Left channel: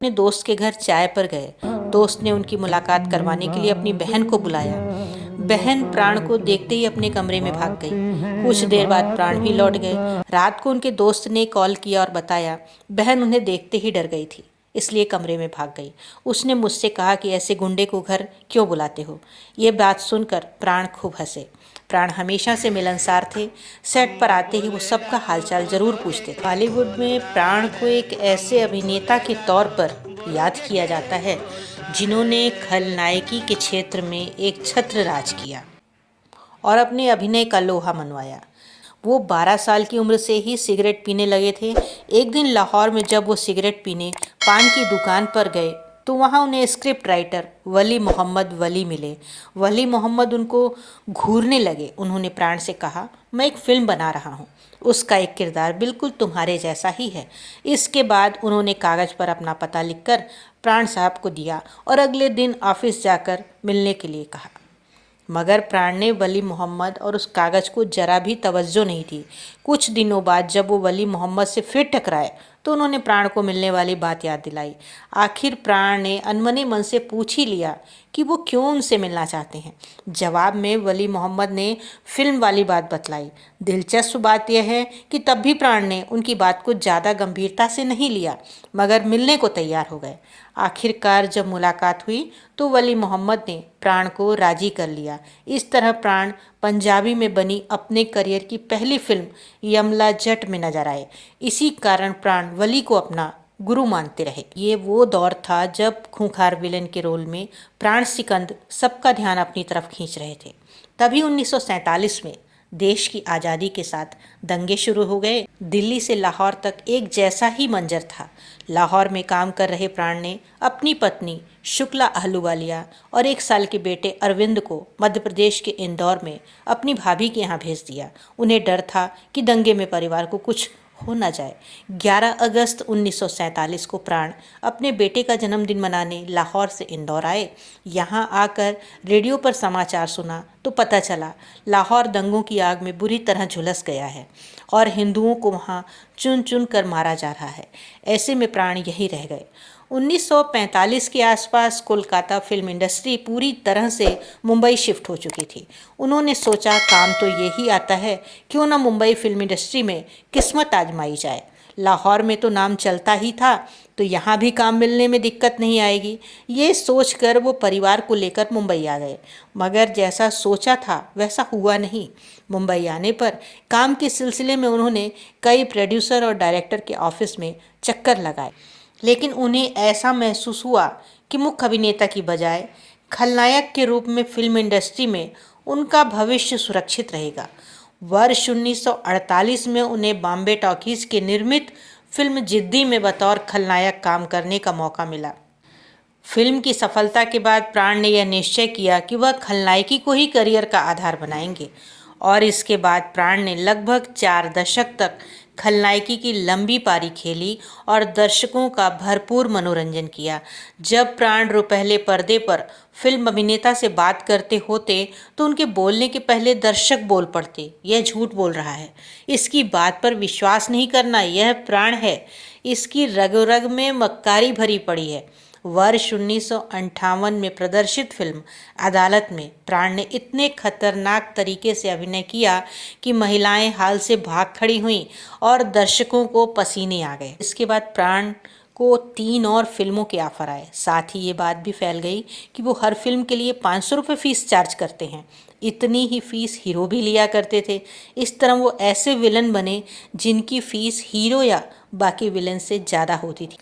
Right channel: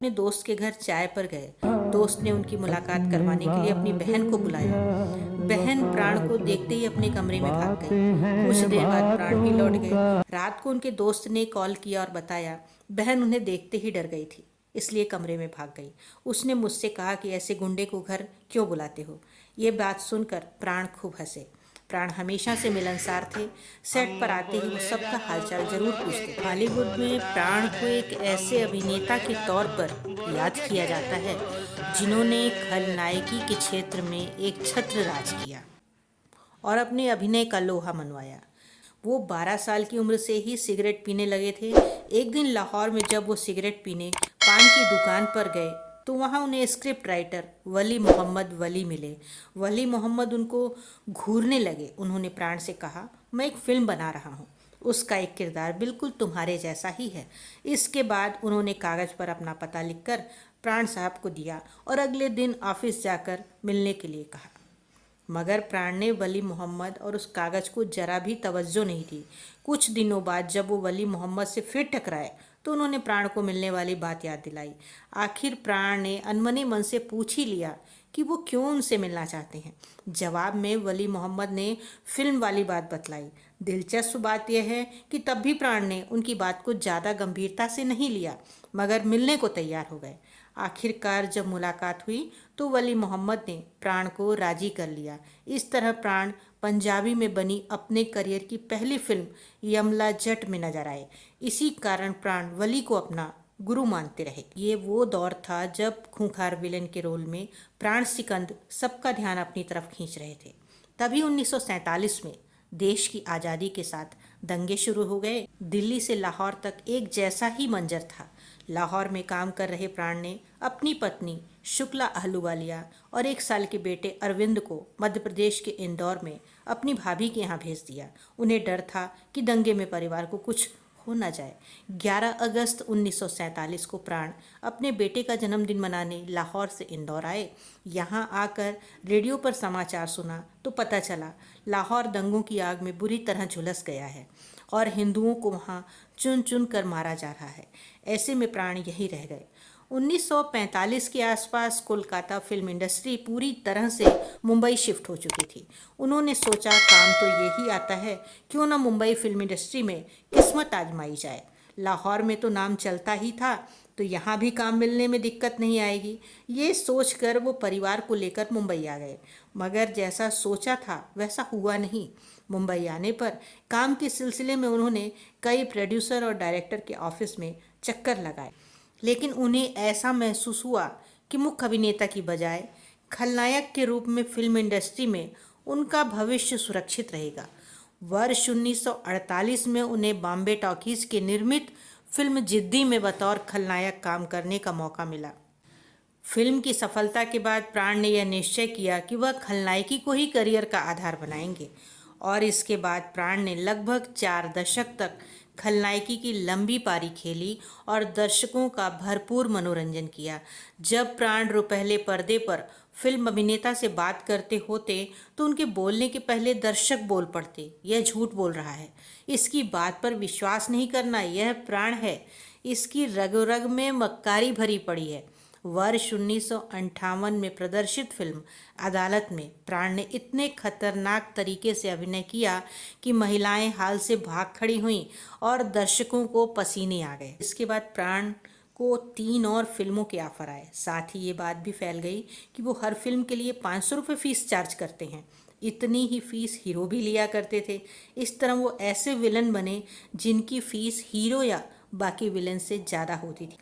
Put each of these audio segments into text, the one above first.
अपने दोस्त के घर चाय पर गए। दोस्त ने उनकी मुलाकात करवाने के लिए अपनी बहन को बुलाया। बहन प्राण को देखते ही अपने कमरे में भाग गई। कुछ देर बाद प्राण भी लौट गए। रात को उनके दोस्त ने कॉल किया और बताया बहन उन्हें देखते ही डर गई थी, इसलिए कमरे में भाग गई। उसने मुझसे कहा कि ऐसे गुंडे को घर क्यों बुलाते हो। ये बात सुनकर प्राण खूब हंसे। प्राण हमेशा से मिलनसार थे। सेट पर आते ही वो सबका हालचाल जरूर पूछते थे। बॉलीवुड में प्राण को एक ऐसे अभिनेता के तौर पर याद किया जाता है जिन्होंने खलनायकी के क्षेत्र में एक छत्र राज किया और अपने अभिनय का लोहा मनवाया। वो 12 साल की उम्र से ही सिगरेट पीने लगे थे। एक दिन लाहौर में जब वो सिगरेट पीने पान की दुकान पर गए तो वहाँ उन्हें स्क्रिप्ट राइटर वली मोहम्मद वली मिले। वली मोहम्मद उनको घूरने लगे। उन्होंने प्राण से कहा, मैं एक फिल्म बना रहा हूँ, उसका एक किरदार बिल्कुल तुम्हारे जैसा ही है। इसके बाद उन्होंने कागज़ पर अपना पता लिखकर प्राण साहब को दिया और अगले दिन ऑफिस जाकर मिलने के लिए कहा। मगर प्राण ने वली मोहम्मद और उस कागज़ को जरा भी तवज्जो नहीं दी। कुछ दिनों बाद जब वो वली मोहम्मद से फिर टकराए तो उन्होंने प्राण को मिलने वाली बात याद दिलाई। आखिर प्राण ने अनमने मन से पूछ ही लिया कि वो क्यों उनसे मिलना चाहते हैं। जवाब में वली मोहम्मद ने फिल्म वाली बात बतलाई। दिलचस्प बात यह है कि तब भी प्राण ने उनकी बात को ज़्यादा गंभीरता से नहीं लिया, मगर मिलने को तैयार हो गए। आखिरकार जब मुलाकात हुई तो वली मोहम्मद ने प्राण को राजी कर लिया। इस तरह प्राण पंजाबी में बनी अपने करियर की पहली फिल्म यमला जट में नजर आए। इसी कारण प्राण वली को अपना गुरु मानते रहे। ये वो दौर था जब खूंखार विलन के रोल में प्राण सिकंद सबका ध्यान अपनी तरफ खींच रहे थे। तभी 1947 में देश की आज़ादी के साथ दंगे शुरू हो गए। दिल्ली से लाहौर तक एक जैसा ही मंजर था। लाहौर में काम कर रहे प्राण ने अपनी पत्नी शुक्ला अहलूवालिया और 1 साल के बेटे अरविंद को मध्य प्रदेश के इंदौर में अपनी भाभी के यहाँ भेज दिया। उन्हें डर था कि दंगे में परिवार को कुछ हो न जाए। 11 अगस्त 1947 को प्राण अपने बेटे का जन्मदिन मनाने लाहौर से इंदौर आए। यहाँ आकर रेडियो पर समाचार सुना तो पता चला लाहौर दंगों की आग में बुरी तरह झुलस गया है और हिंदुओं को वहाँ चुन चुन कर मारा जा रहा है। ऐसे में प्राण यहीं रह गए। 1945 के आसपास कोलकाता फिल्म इंडस्ट्री पूरी तरह से मुंबई शिफ्ट हो चुकी थी। उन्होंने सोचा काम तो यही आता है, क्यों ना मुंबई फिल्म इंडस्ट्री में किस्मत आजमाई जाए। लाहौर में तो नाम चलता ही था तो यहाँ भी काम मिलने में दिक्कत नहीं आएगी। ये सोचकर वो परिवार को लेकर मुंबई आ गए, मगर जैसा सोचा था वैसा हुआ नहीं। मुंबई आने पर काम के सिलसिले में उन्होंने कई प्रोड्यूसर और डायरेक्टर के ऑफिस में चक्कर लगाए, लेकिन उन्हें ऐसा महसूस हुआ कि मुख्य अभिनेता की बजाय खलनायक के रूप में फिल्म इंडस्ट्री में उनका भविष्य सुरक्षित रहेगा। वर्ष 1948 में उन्हें बॉम्बे टॉकीज के निर्मित फिल्म जिद्दी में बतौर खलनायक काम करने का मौका मिला। फिल्म की सफलता के बाद प्राण ने यह निश्चय किया कि वह खलनायकी को ही करियर का आधार बनाएंगे और इसके बाद प्राण ने लगभग 4 दशक तक खलनायकी की लंबी पारी खेली और दर्शकों का भरपूर मनोरंजन किया। जब प्राण रुपहले पर्दे पर फिल्म अभिनेता से बात करते होते तो उनके बोलने के पहले दर्शक बोल पड़ते, यह झूठ बोल रहा है, इसकी बात पर विश्वास नहीं करना, यह प्राण है, इसकी रग रग में मक्कारी भरी पड़ी है। वर्ष 1958 में प्रदर्शित फिल्म अदालत में प्राण ने इतने खतरनाक तरीके से अभिनय किया कि महिलाएं हाल से भाग खड़ी हुईं और दर्शकों को पसीने आ गए। इसके बाद प्राण को 3 और फिल्मों के ऑफर आए। साथ ही ये बात भी फैल गई कि वो हर फिल्म के लिए 500 रुपये फीस चार्ज करते हैं। इतनी ही फीस हीरो भी लिया करते थे। इस तरह वो ऐसे विलन बने जिनकी फीस हीरो या बाकी विलन से ज़्यादा होती थी।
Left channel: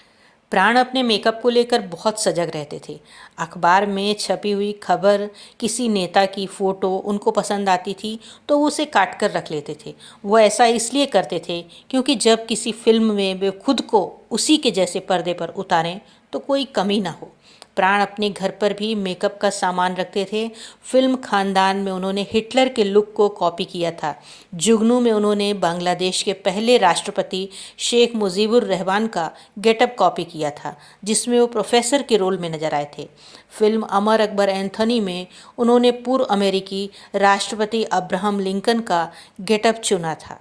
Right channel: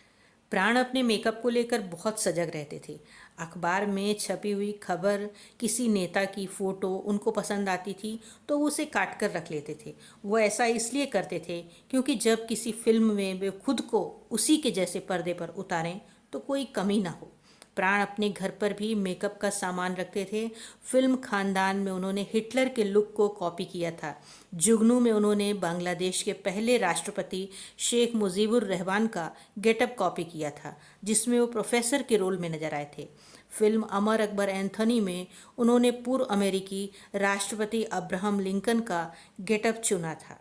प्राण अपने मेकअप को लेकर बहुत सजग रहते थे। अखबार में छपी हुई खबर, किसी नेता की फ़ोटो उनको पसंद आती थी तो वो उसे काट कर रख लेते थे। वो ऐसा इसलिए करते थे क्योंकि जब किसी फिल्म में वे खुद को उसी के जैसे पर्दे पर उतारें तो कोई कमी ना हो। प्राण अपने घर पर भी मेकअप का सामान रखते थे। फिल्म खानदान में उन्होंने हिटलर के लुक को कॉपी किया था। जुगनू में उन्होंने बांग्लादेश के पहले राष्ट्रपति शेख मुजीबुर रहमान का गेटअप कॉपी किया था, जिसमें वो प्रोफेसर के रोल में नजर आए थे। फिल्म अमर अकबर एंथोनी में उन्होंने पूर्व अमेरिकी राष्ट्रपति अब्राहम लिंकन का गेटअप चुना था।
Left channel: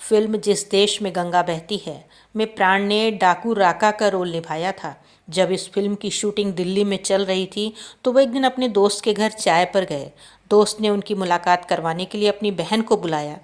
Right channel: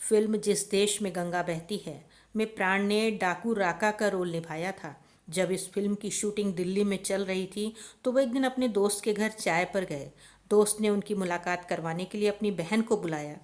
फिल्म जिस देश में गंगा बहती है में प्राण ने डाकू राका का रोल निभाया था। जब इस फिल्म की शूटिंग दिल्ली में चल रही थी तो वो एक दिन अपने दोस्त के घर चाय पर गए। दोस्त ने उनकी मुलाकात करवाने के लिए अपनी बहन को बुलाया।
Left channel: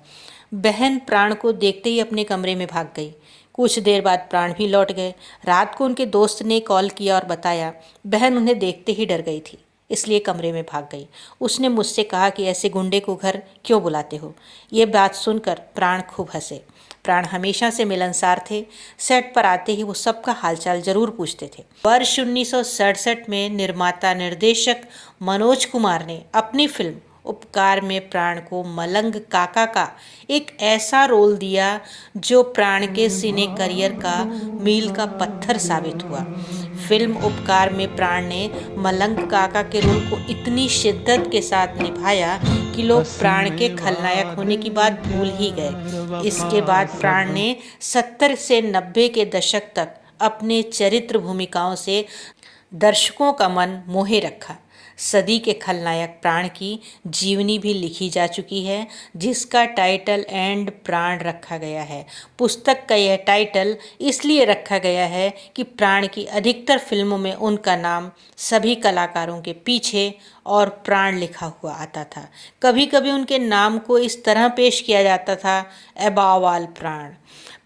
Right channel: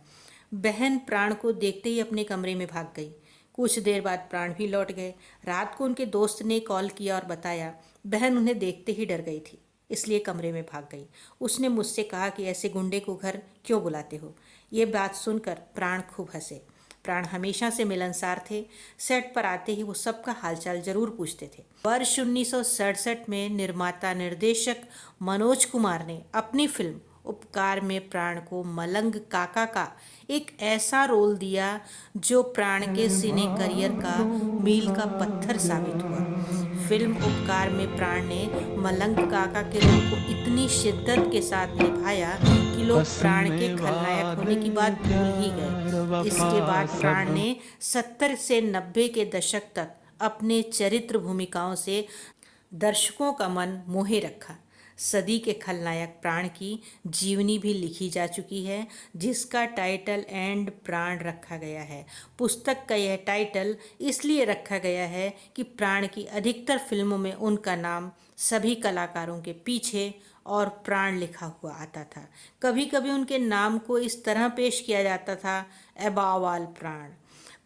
बहन प्राण को देखते ही अपने कमरे में भाग गई। कुछ देर बाद प्राण भी लौट गए। रात को उनके दोस्त ने कॉल किया और बताया बहन उन्हें देखते ही डर गई थी, इसलिए कमरे में भाग गई। उसने मुझसे कहा कि ऐसे गुंडे को घर क्यों बुलाते हो। ये बात सुनकर प्राण खूब हंसे। प्राण हमेशा से मिलनसार थे। सेट पर आते ही वो सबका हालचाल जरूर पूछते थे। वर्ष 1967 में निर्माता निर्देशक मनोज कुमार ने अपनी फिल्म उपकार में प्राण को मलंग काका का एक ऐसा रोल दिया जो प्राण के सिने करियर का मील का पत्थर साबित हुआ। फिल्म उपकार में प्राण ने मलंग काका के रोल को इतनी शिद्दत के साथ निभाया कि लोग प्राण के खलनायक होने की बात भूल ही गए। इसके बाद प्राण ने 70 से 90 के दशक तक अपने चरित्र भूमिकाओं से दर्शकों का मन मोहे रखा। सदी के खलनायक प्राण की जीवनी भी लिखी जा चुकी है, जिसका टाइटल एंड प्राण रखा गया है। पुस्तक का यह टाइटल इसलिए रखा गया है कि प्राण की अधिकतर फिल्मों में उनका नाम सभी कलाकारों के पीछे और प्राण लिखा हुआ आता था। कभी कभी उनके नाम को इस तरह पेश किया जाता था, अबव ऑल प्राण।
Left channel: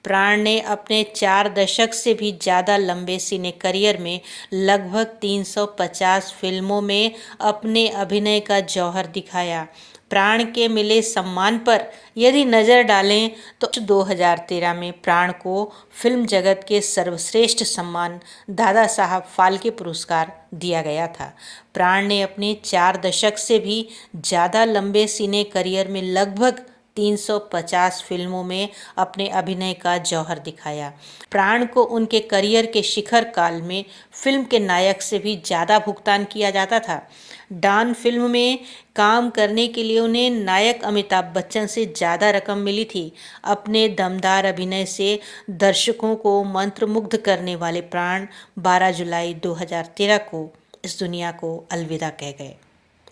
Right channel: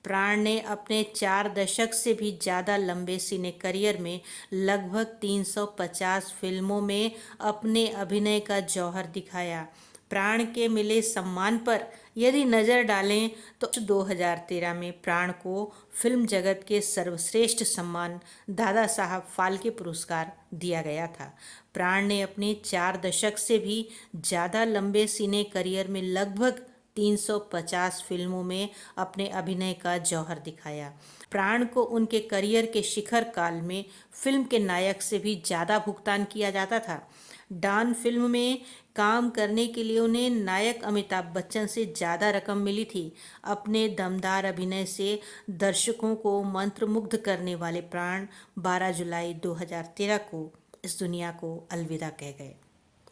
प्राण ने अपने 4 दशक से भी ज़्यादा लंबे सिने करियर में लगभग 350 फिल्मों में अपने अभिनय का जौहर दिखाया। प्राण के मिले सम्मान पर यदि नज़र डालें तो 2013 में प्राण को फिल्म जगत के सर्वश्रेष्ठ सम्मान दादा साहब फाल्के पुरस्कार दिया गया था। प्राण ने अपने 4 दशक से भी ज़्यादा लंबे सिने करियर में लगभग 350 फिल्मों में अपने अभिनय का जौहर दिखाया। प्राण को उनके करियर के शिखर काल में फिल्म के नायक से भी ज़्यादा भुगतान किया जाता था। डॉन फिल्म में काम करने के लिए उन्हें नायक अमिताभ बच्चन से ज़्यादा रकम मिली थी। अपने दमदार अभिनय से दर्शकों को मंत्रमुग्ध करने वाले प्राण 12 जुलाई 2013 को इस दुनिया को अलविदा कह गए।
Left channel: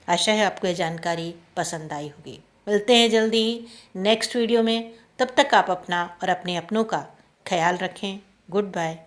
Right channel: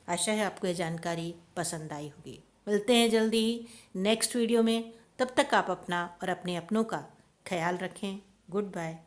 आशा है आपको यह जानकारी पसंद आई होगी। मिलते हैं जल्दी ही नेक्स्ट वीडियो में। तब तक आप अपना और अपने अपनों का ख्याल रखें। Good bye.